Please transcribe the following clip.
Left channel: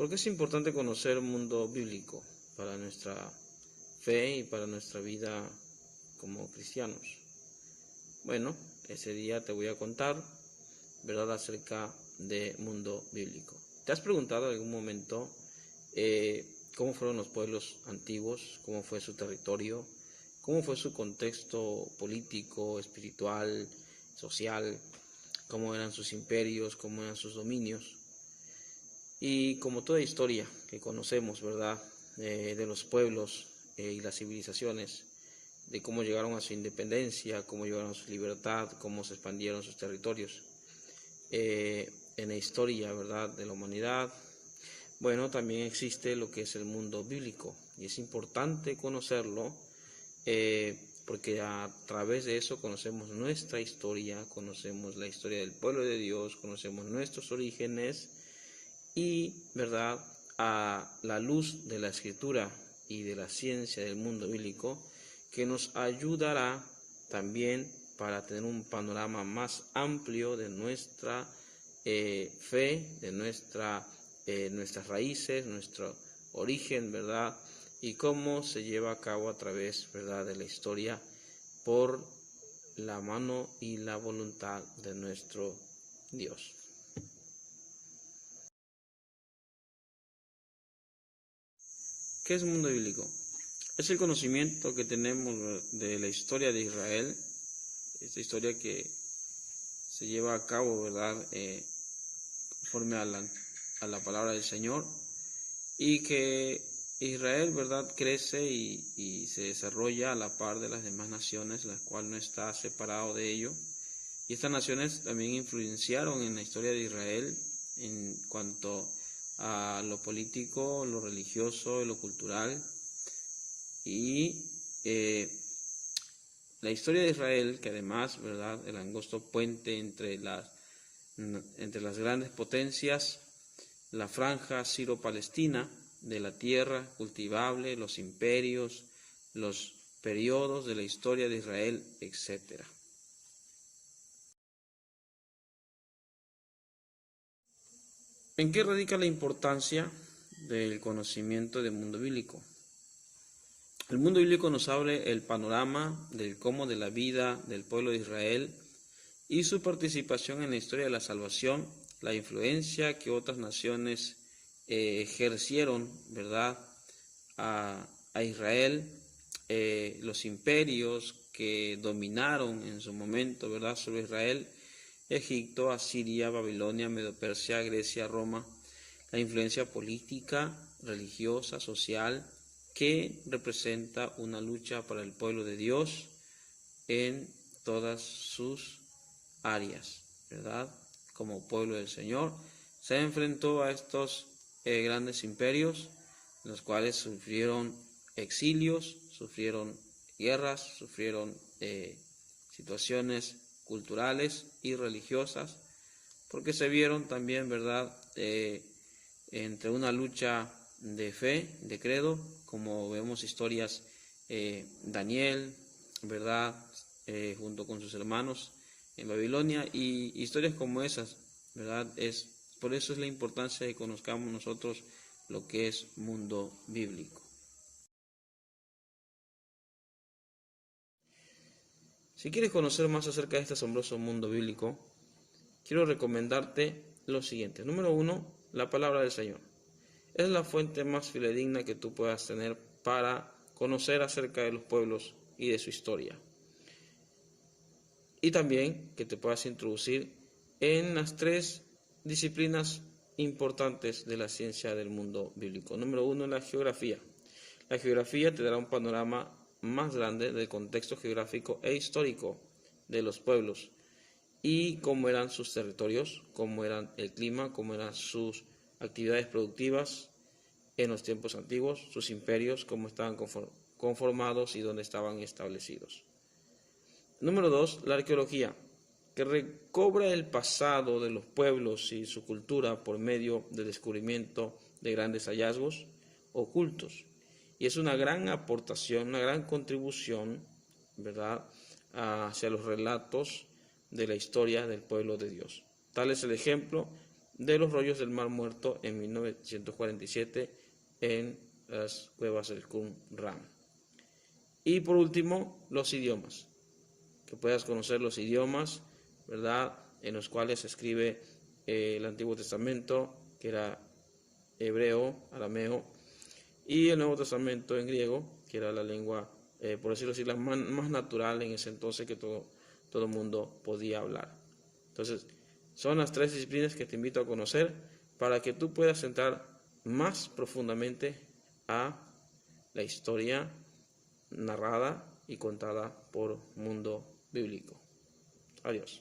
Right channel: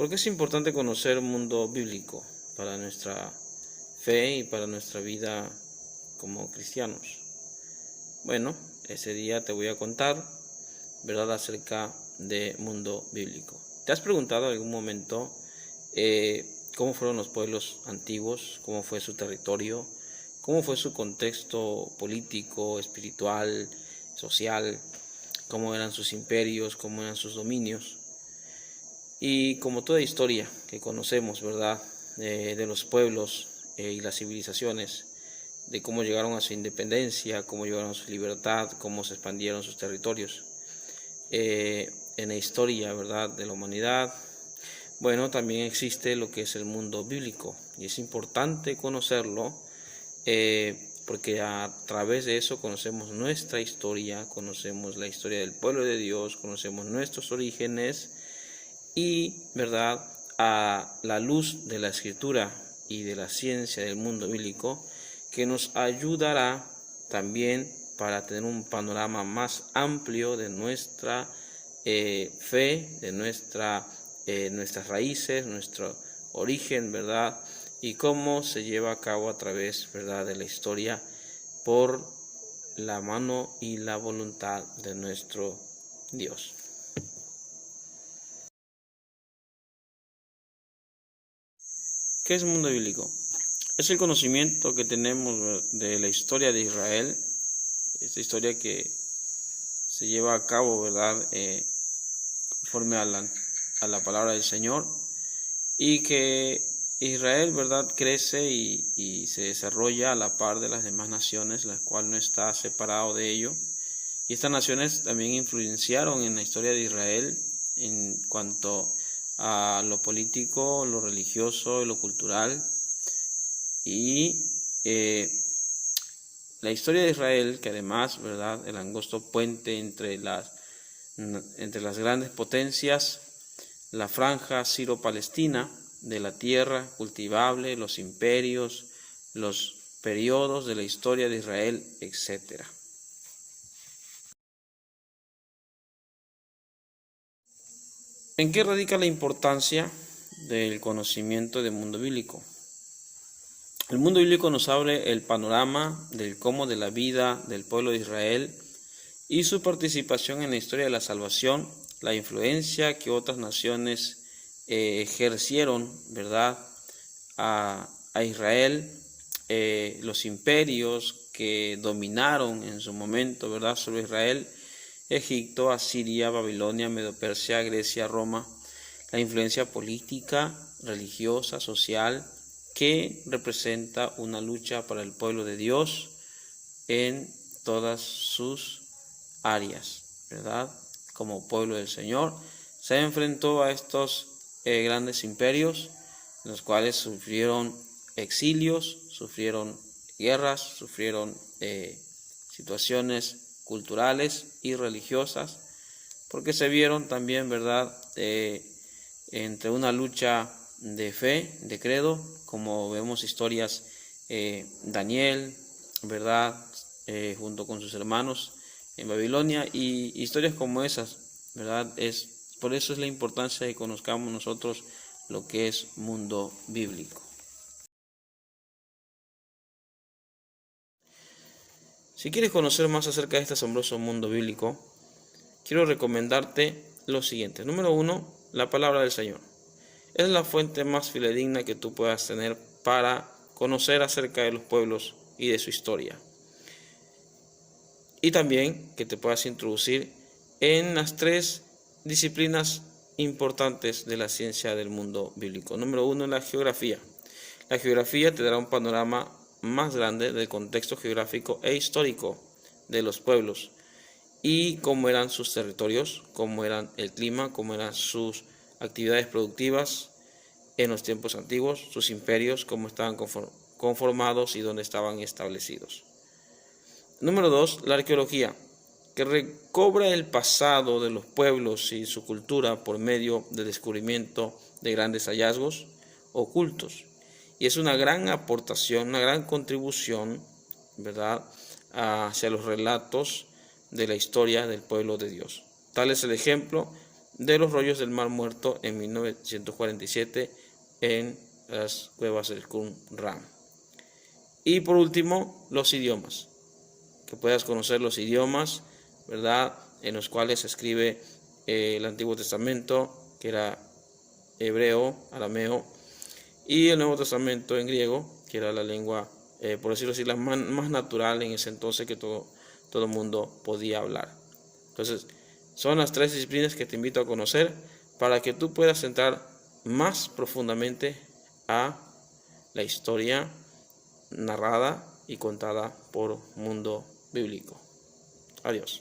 ¿Por qué es importante conocer el mundo bíblico para nuestra fe y para nuestra vida como cristianos? Bueno, ese día te voy a contar, ¿verdad?, acerca del mundo bíblico. ¿Te has preguntado en algún momento cómo fueron los pueblos antiguos? ¿Cómo fue su territorio? ¿Cómo fue su contexto político, espiritual, social? ¿Cómo eran sus imperios? ¿Cómo eran sus dominios? Y como toda historia que conocemos, ¿verdad?, de los pueblos y las civilizaciones, de cómo llegaron a su independencia, cómo llegaron a su libertad, cómo se expandieron sus territorios. En la historia, ¿verdad?, de la humanidad, bueno, también existe lo que es el mundo bíblico, y es importante conocerlo porque a través de eso conocemos nuestra historia, conocemos la historia del pueblo de Dios, conocemos nuestros orígenes y, ¿verdad?, a la luz de la escritura y de la ciencia del mundo bíblico, que nos ayudará también para tener un panorama más amplio de nuestra fe, de nuestras raíces, nuestro origen, ¿verdad?, y cómo se lleva a cabo a través, ¿verdad?, de la historia por la mano y la voluntad de nuestro Dios. ¿Qué es mundo bíblico? Es el conocimiento que tenemos de la historia de Israel, esta historia que se lleva a cabo, ¿verdad?, conforme a la palabra del Señor, y que Israel, ¿verdad?, crece y se desarrolla a la par de las demás naciones, la cual no está separado de ello. Y estas naciones también influenciaron en la historia de Israel en cuanto a lo político, lo religioso y lo cultural. Y la historia de Israel, que además, ¿verdad?, el angosto puente entre las grandes potencias, la franja siro-palestina de la tierra cultivable, los imperios, los periodos de la historia de Israel, etc. ¿En qué radica la importancia del conocimiento del mundo bíblico? El mundo bíblico nos abre el panorama del cómo de la vida del pueblo de Israel y su participación en la historia de la salvación, la influencia que otras naciones ejercieron, ¿verdad?, a Israel, los imperios que dominaron en su momento, ¿verdad?, sobre Israel: Egipto, Asiria, Babilonia, Medo-Persia, Grecia, Roma, la influencia política, religiosa, social, que representa una lucha para el pueblo de Dios en todas sus áreas, ¿verdad? Como pueblo del Señor, se enfrentó a estos grandes imperios, los cuales sufrieron exilios, sufrieron guerras, sufrieron situaciones culturales y religiosas, porque se vieron también, ¿verdad?, entre una lucha de fe, de credo, como vemos historias, Daniel, ¿verdad?, junto con sus hermanos en Babilonia, y historias como esas, ¿verdad? Por eso es la importancia de que conozcamos nosotros lo que es mundo bíblico. Si quieres conocer más acerca de este asombroso mundo bíblico, quiero recomendarte lo siguiente. Número 1, la palabra del Señor. Es la fuente más fidedigna que tú puedas tener para conocer acerca de los pueblos y de su historia. Y también que te puedas introducir en las 3 disciplinas importantes de la ciencia del mundo bíblico. Número 1, la geografía. La geografía te dará un panorama más grande del contexto geográfico e histórico de los pueblos y cómo eran sus territorios, cómo eran el clima, cómo eran sus actividades productivas en los tiempos antiguos, sus imperios, cómo estaban conformados y dónde estaban establecidos. Número 2, la arqueología, que recobra el pasado de los pueblos y su cultura por medio del descubrimiento de grandes hallazgos ocultos. Y es una gran aportación, una gran contribución, ¿verdad?, hacia los relatos de la historia del pueblo de Dios. Tal es el ejemplo de los rollos del Mar Muerto en 1947 en las cuevas del Qumran. Y por último, los idiomas, que puedas conocer los idiomas, ¿verdad?, en los cuales se escribe el Antiguo Testamento, que era hebreo, arameo, y el Nuevo Testamento en griego, que era la lengua, por decirlo así, la más natural en ese entonces que todo el mundo podía hablar. Entonces, son las 3 disciplinas que te invito a conocer para que tú puedas entrar más profundamente a la historia narrada y contada por Mundo Bíblico. Adiós.